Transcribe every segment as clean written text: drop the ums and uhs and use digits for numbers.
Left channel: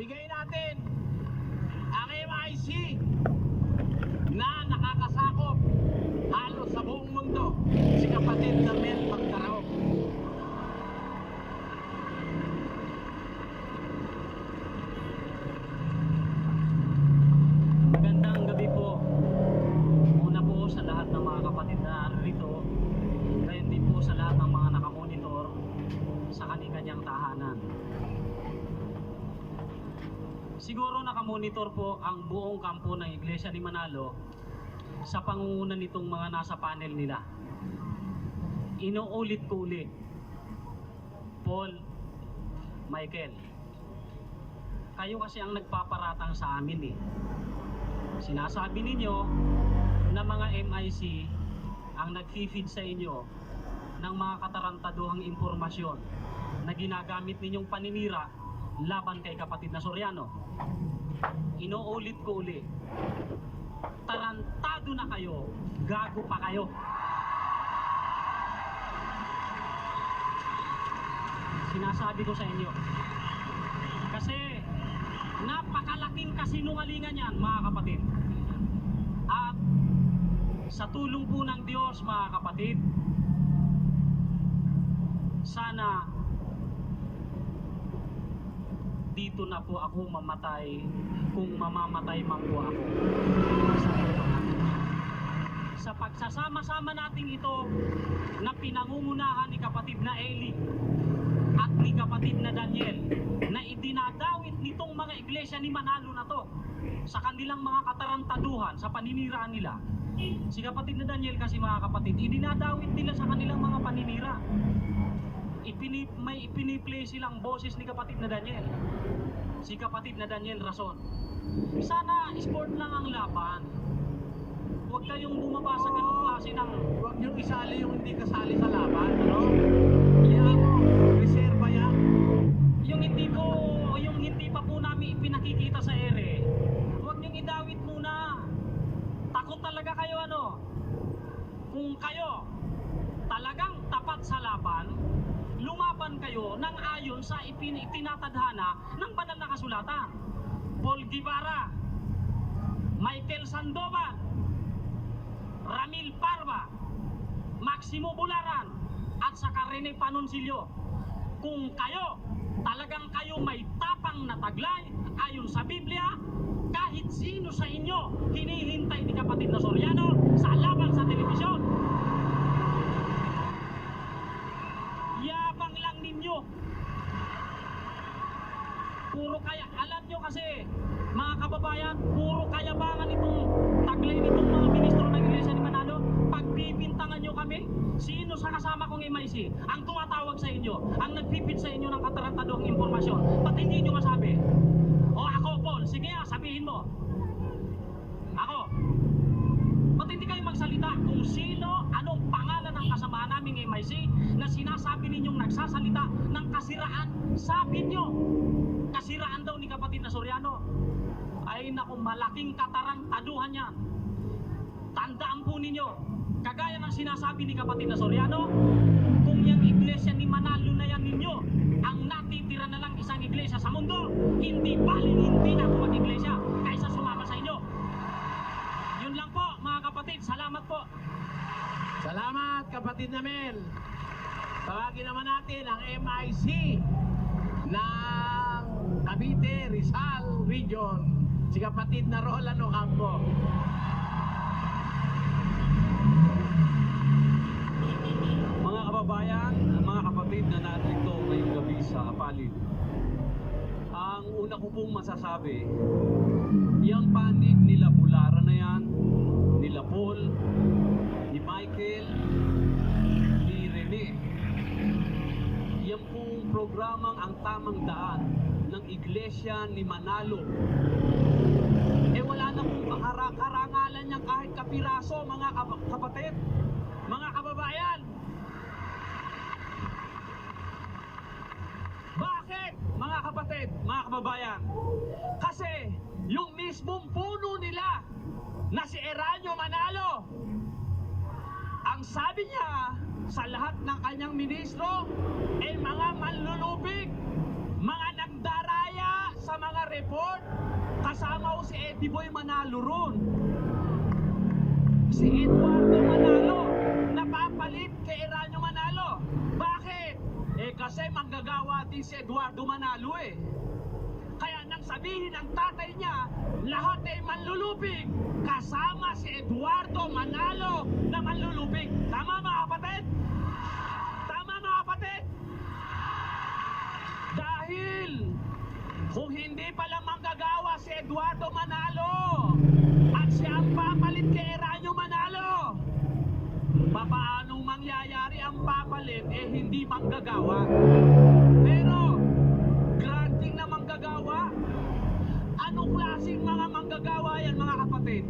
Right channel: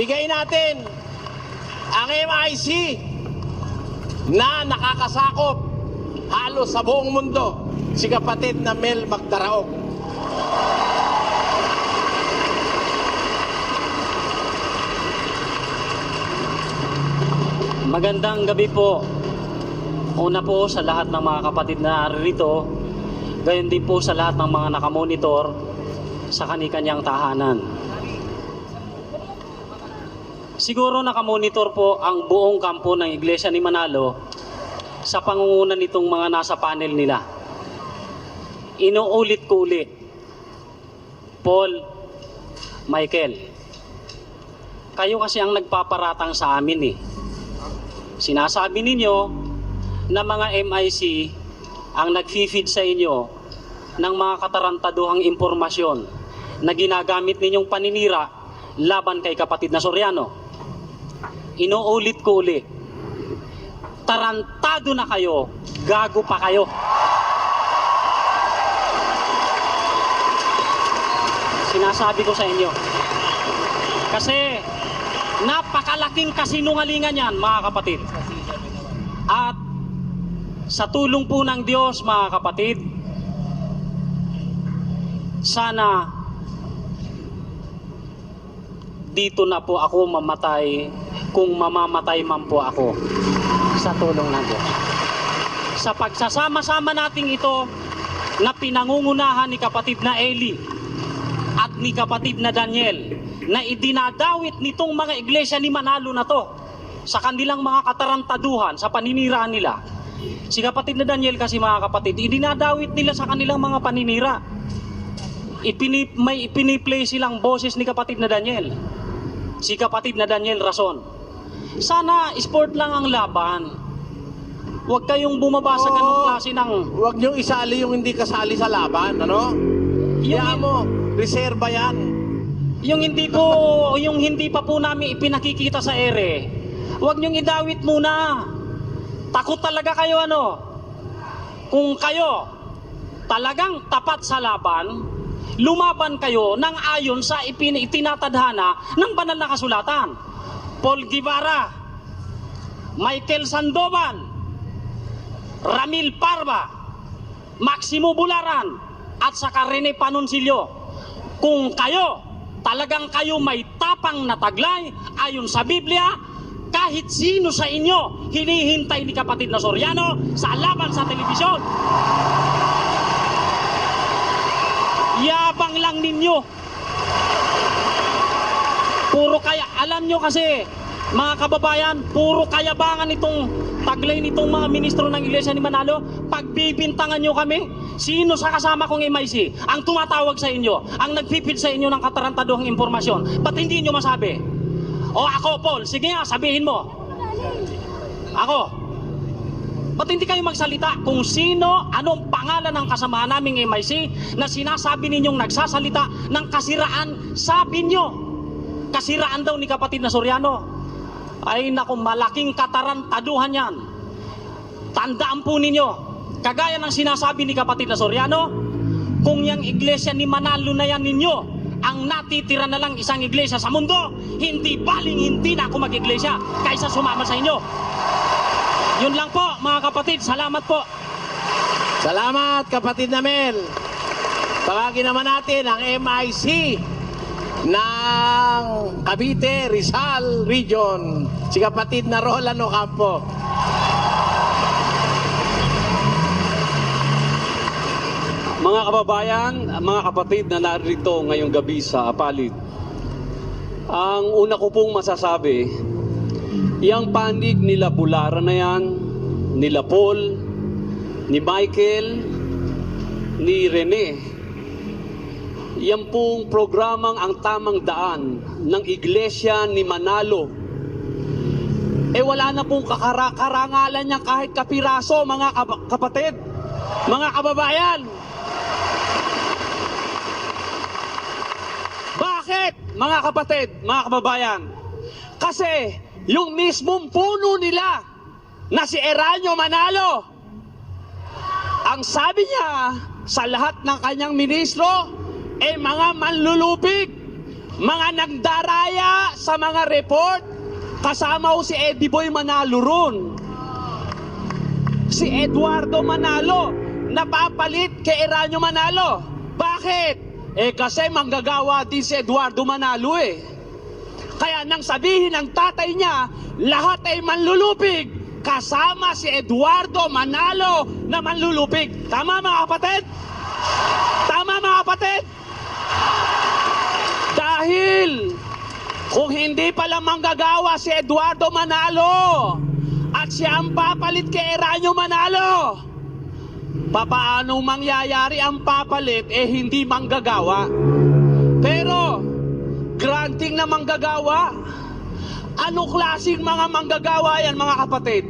bigay natin ang MIC na nakakasakop halos sa buong mundo, si kapatid na Mel Magdaraog. Magandang gabi po. Una po sa lahat ng mga kapatid na naririto, gayon din po sa lahat ng mga nakamonitor sa kani-kanyang tahanan. Siguro nakamonitor po ang buong kampo ng Iglesia ni Manalo sa pangunguna nitong mga nasa panel nila. Inuulit ko ulit, Paul, Michael, kayo kasi ang nagpaparatang sa amin eh. Sinasabi ninyo na mga MIC ang nag-feed sa inyo ng mga katarantaduhang impormasyon na ginagamit ninyong paninira laban kay kapatid na Soriano. Inuulit ko ulit, tarantado na kayo, gago pa kayo. Sinasabi ko sa inyo. Kasi napakalaking kasinungalingan yan, mga kapatid. At sa tulong po ng Diyos, mga kapatid, sana dito na po ako mamatay kung mamamatay man po ako sa tulong ng Diyos. Sa pagsasama-sama nating ito na pinangungunahan ni kapatid na Eli at ni kapatid na Daniel, na idinadawit nitong mga iglesia ni Manalo na to sa kanilang mga katarantaduhan, sa paniniraan nila. Si kapatid na Daniel kasi, mga kapatid, idinadawit nila sa kanilang mga paninira. May ipiniplay silang boses ni kapatid na Daniel. Si kapatid na Daniel Rason. Sana sport lang ang laban. Huwag kayong bumaba sa ganung klase ng... Huwag niyong isali yung hindi kasali sa laban, ano? Kaya mo, reserba yan. Yung hindi pa po namin ipinakikita sa ere, huwag niyong idawit muna. Takot talaga kayo, ano? Kung kayo talagang tapat sa laban, lumaban kayo ng ayon sa itinatadhana ng banal na kasulatan. Paul Guevara, Michael Sandoval, Ramil Parva, Maximo Bularan, at saka Rene Panoncillo. Kung talagang kayo may tapang na taglay ayon sa Biblia, kahit sino sa inyo hinihintay ni kapatid na Soriano sa laban sa telebisyon. Yabang lang ninyo. Alam nyo kasi, mga kababayan, puro kayabangan itong taglay nitong mga ministro ng Iglesia ni Manalo. Pagbibintangan nyo kami, sino sa kasama kong MIC ang tumatawag sa inyo, ang nagpipid sa inyo ng katarantaduhang impormasyon? Ba't hindi nyo masabi? O ako, Paul, sige nga, sabihin mo. Ako. Ba't hindi kayo magsalita kung sino, anong pangalan ng kasama naming MIC na sinasabi ninyong nagsasalita ng kasiraan sa inyo? Kasiraan daw ni kapatid na Soriano. Ay naku, malaking katarantaduhan yan. Tandaan po ninyo, kagaya ng sinasabi ni kapatid na Soriano, kung yung iglesia ni Manalo na yan ninyo ang natitira na lang isang iglesia sa mundo, hindi hindi na ako mag-iglesia kaysa sumama sa inyo. Yun lang po, mga kapatid. Salamat po. Salamat, kapatid na Mel. Tawagin naman natin ang MIC ng Cavite, Rizal Region, si kapatid na Roland Ocampo. Mga kababayan, mga kapatid na narito ngayong gabi sa Apalit, ang una ko pong masasabi, yung panig nila Bularan na yan, nila Paul, ni Michael, ni Rene, yan pong programang ang tamang daan ng Iglesia ni Manalo. Wala na pong karangalan niya kahit kapiraso, mga kapatid, mga kababayan. Bakit, mga kapatid, mga kababayan? Kasi yung mismong puno nila na si Eranio Manalo, ang sabi niya sa lahat ng kanyang ministro, mga manlulupig, mga nagdaraya sa mga report, kasama ko si Eddie Boy Manalo ron. Si Eduardo Manalo, napapalit kay Eranio Manalo. Bakit? Kasi manggagawa din si Eduardo Manalo eh. Kaya nang sabihin ng tatay niya, lahat ay manlulupig, kasama si Eduardo Manalo na manlulupig. Tama mga kapatid? Tama mga kapatid? Dahil kung hindi pala manggagawa si Eduardo Manalo at siya ang papalit kay Eranio Manalo, papaano mangyayari ang papalit hindi manggagawa? Pero granting na manggagawa. Anong klaseng mga manggagawa yan mga kapatid?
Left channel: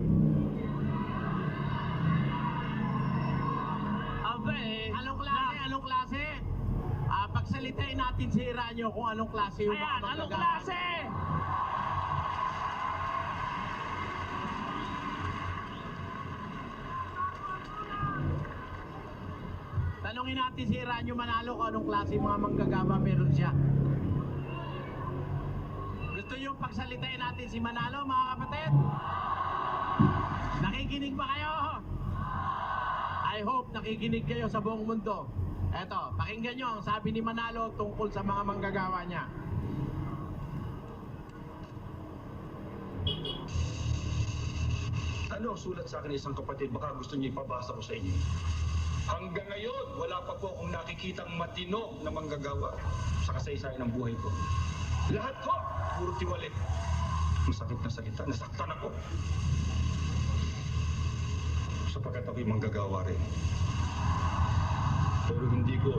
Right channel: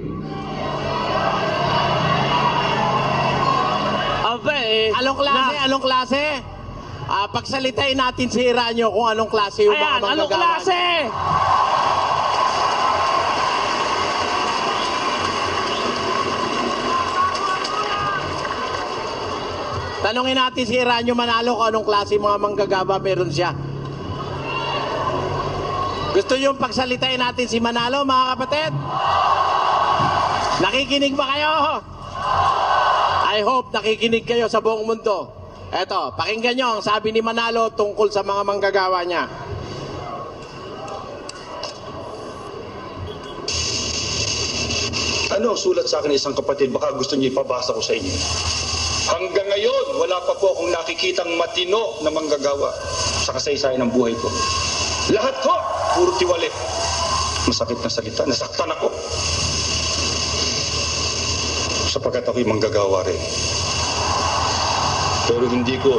Anong klase? Anong klase? Pagsalitain natin si Eranio kung anong klase yung mga Ayan, manggagawa. anong klase? Tanungin natin si Eranio Manalo kung anong klase mga manggagawa meron siya. Gusto yung pagsalitain natin si Manalo, mga kapatid? Nakikinig ba kayo? I hope nakikinig kayo sa buong mundo. Eto, pakinggan nyo ang sabi ni Manalo tungkol sa mga manggagawa niya. Ano ang sulat sa akin ng isang kapatid? Baka gusto niyo ipabasa ko sa inyo. Hanggang ngayon, wala pa po akong nakikitang matino na manggagawa sa kasaysayan ng buhay ko. Lahat ko, puro tiwali. Masakit na salita, nasaktan ako. Sapagkat ako'y manggagawa rin. Pero hindi ko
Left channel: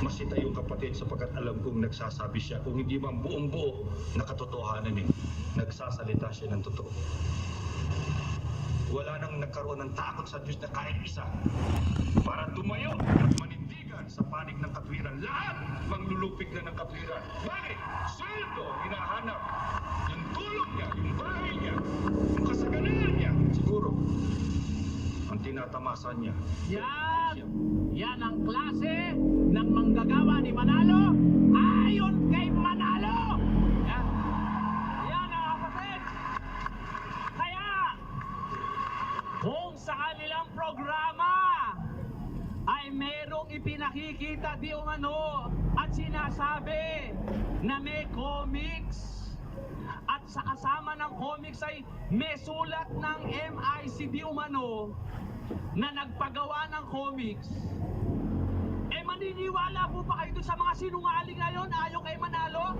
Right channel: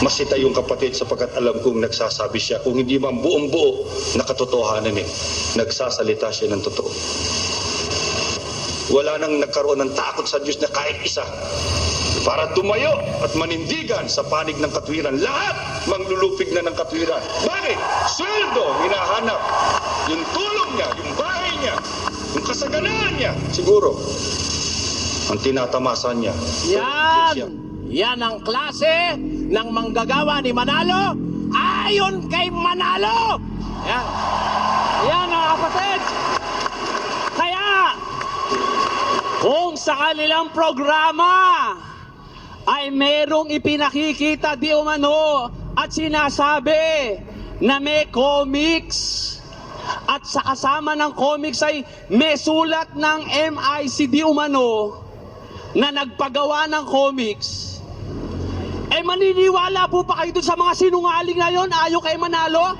masita yung kapatid sapagkat alam kong nagsasabi siya. Kung hindi man buong buo na katotohanan nagsasalita siya ng totoo. Wala nang nagkaroon ng takot sa Diyos na kahit isa para tumayo at manindigan sa panig ng katwiran. Lahat manglulupig na ng katwiran. Bakit? Sweldo, hinahanap. Yung tulong niya, yung bahay niya, yung kasaganaan niya. Siguro, ang tinatamasan niya. Yan! Yan ang klase ng manggagawa ni Manalo ayon kay Manalo! Yan. Yan mga kapatid. Kaya, kung sa kanilang programa ay merong ipinakikita di umano at sinasabi na may comics at sa kasama ng comics ay may sulat ng MIC di umano na nagpagawa ng comics, maniniwala po pa kayo dun sa mga sinungaling na yon ayon kay Manalo?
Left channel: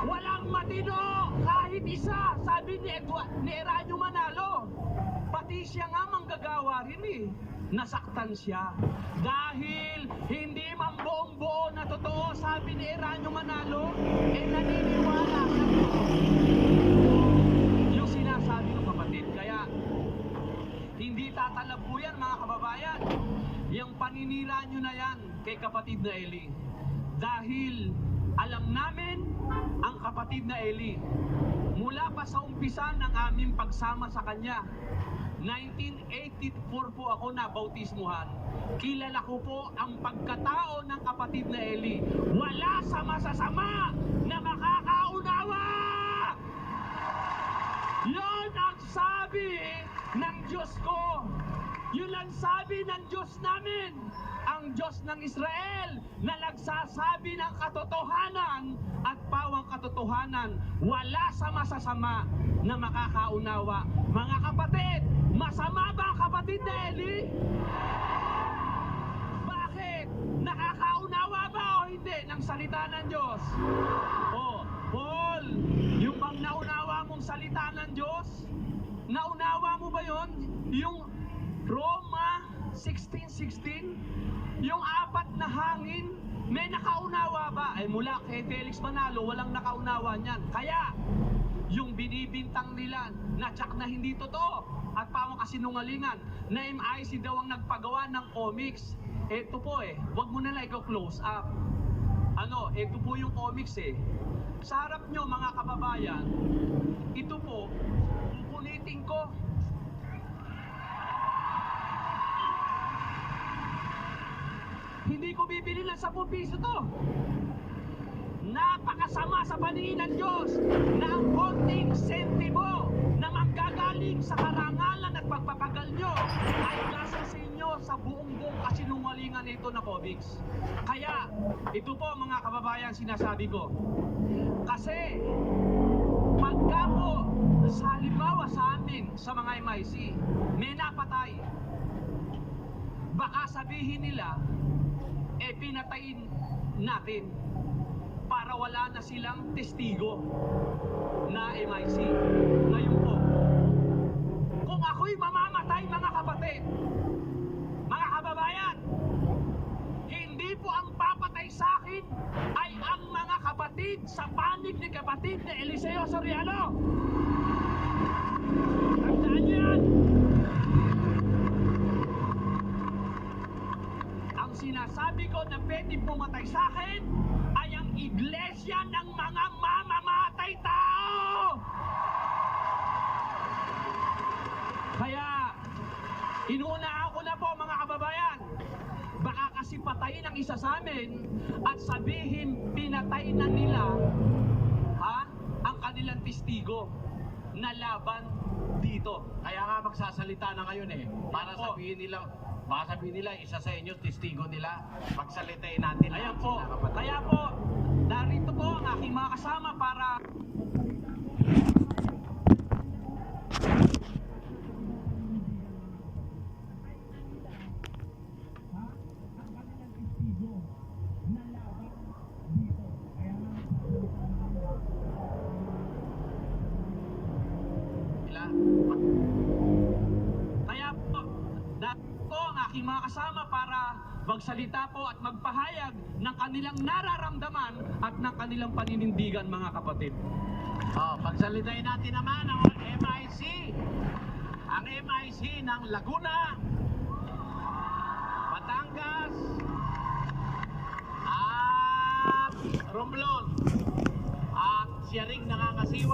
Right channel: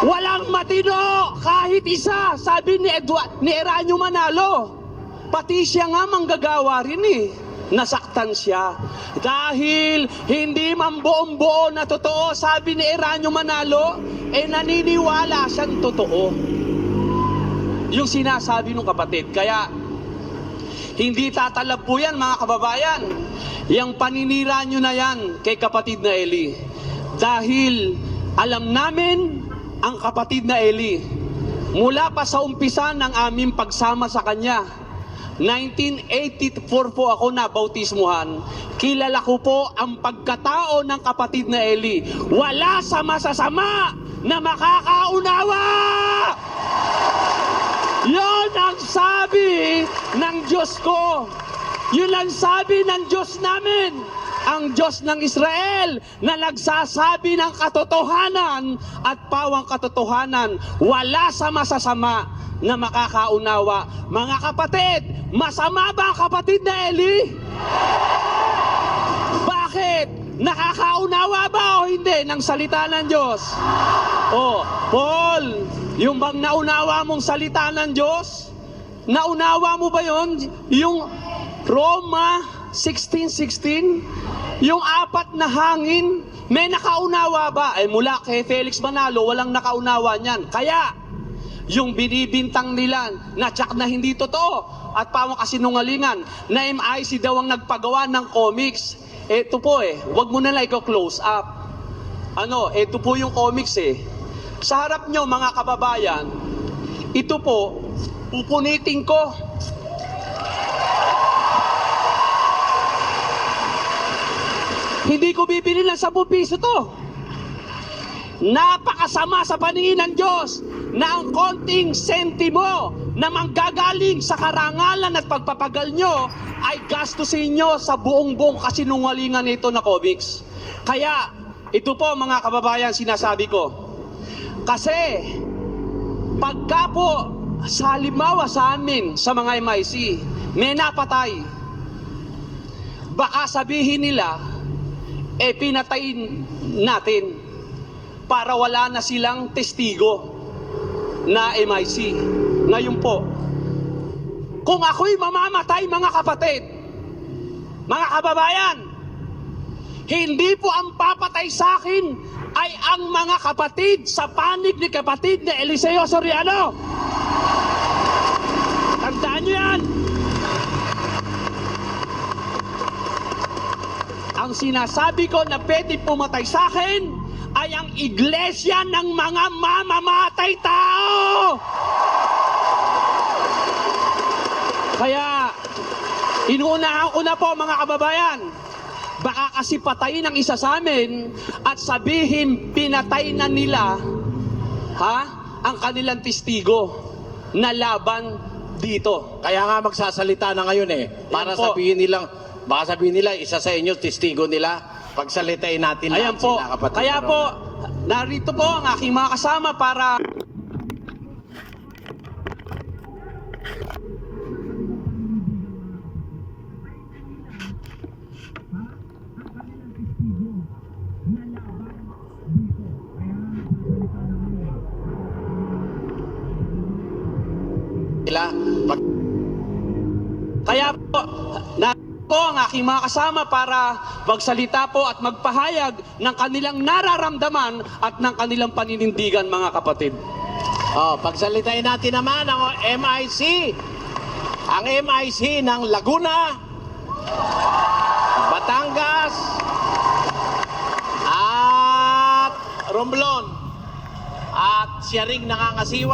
Walang matino kahit isa, sabi ni Eranio Manalo. Pati siya nga manggagawa rin eh. Nasaktan siya. Dahil hindi man buong-buo na totoo, sabi ni Eranio Manalo, naniniwala siyang totoo. Yung sinasabi ng kapatid. Kaya, hindi tatalab po yan mga kababayan. Yang paninira nyo na yan kay kapatid na Eli. Dahil alam namin ang kapatid na Eli. Mula pa sa umpisa ng aming pagsama sa kanya, 1984 po ako nabautismuhan. Kilala ko po ang pagkatao ng kapatid na Eli. Wala sa masasama na makakaunawa! Yon ang sabi ng Diyos ko. Yun ang sabi ng Diyos namin. Ang Diyos ng Israel na nagsasabi ng katotohanan at pawang katotohanan. Wala sa masasama na makakaunawa. Mga kapatid, masama ba ang kapatid na Eli? Bakit? Nakakaunawa ba o hindi ng salita ng Diyos? Paul, yung bang naunawa mong salita ng Diyos? Naunawa mo ba yon? Yung Roma 16:16, yung apat na hangin, may nakaunawa ba? Mula kay Felix Manalo, walang nakaunawa niyan. Kaya, yung binibintang nila na tsak na hindi totoo at pawang kasinungalingan na MIC daw ang nagpagawa ng comics. Ito po wag mo na lang i-close up. Ito po yung comics Sa harap nyo mga kababayan, ito po, pupunitin ko. Hindi ko bibili ng 10 piso to. napakasama sa paningin ng Diyos na ang konting sentimo na manggagaling sa karangalan at pagpapagal nyo ay gastusin nyo sa buong kasinungalingan nito na comics. Kaya, ito po mga kababayan sinasabi ko. Kasi, pagka po sa halimbawa sa amin, sa mga MIC, may napatay, baka sabihin nila, pinatayin natin para wala na silang testigo na MIC. Ngayon po, kung ako'y mamamatay mga kapatid, mga kababayan, hindi po ang papatay sa akin ay ang mga kapatid sa panig ni kapatid na Eliseo Soriano. Tandaan nyo yan. Ang sinasabi ko na pwede pumatay sa akin ay ang iglesia ng mga mamamatay tao. Kaya, inuunahan ko na po mga kababayan, baka kasi patayin ang isa sa amin at sabihin pinatay na nila ang kanilang testigo na laban dito. Kaya nga magsasalita na ngayon para Yan po. sabihin nilang, baka sabihin nila, isa sa inyo, testigo nila, pagsalitain natin Ayan lahat po. sila, kapatid. Kaya po, narito po ang aking mga kasama para Sila, Kaya po, narito ang aking mga kasama para magsalita po at magpahayag ng kanilang nararamdaman at ng kanilang paninindigan mga kapatid. pagsalitain natin naman ang MIC. Ang MIC ng Laguna, Batangas, at Romblon. At siya ring nangangasiwa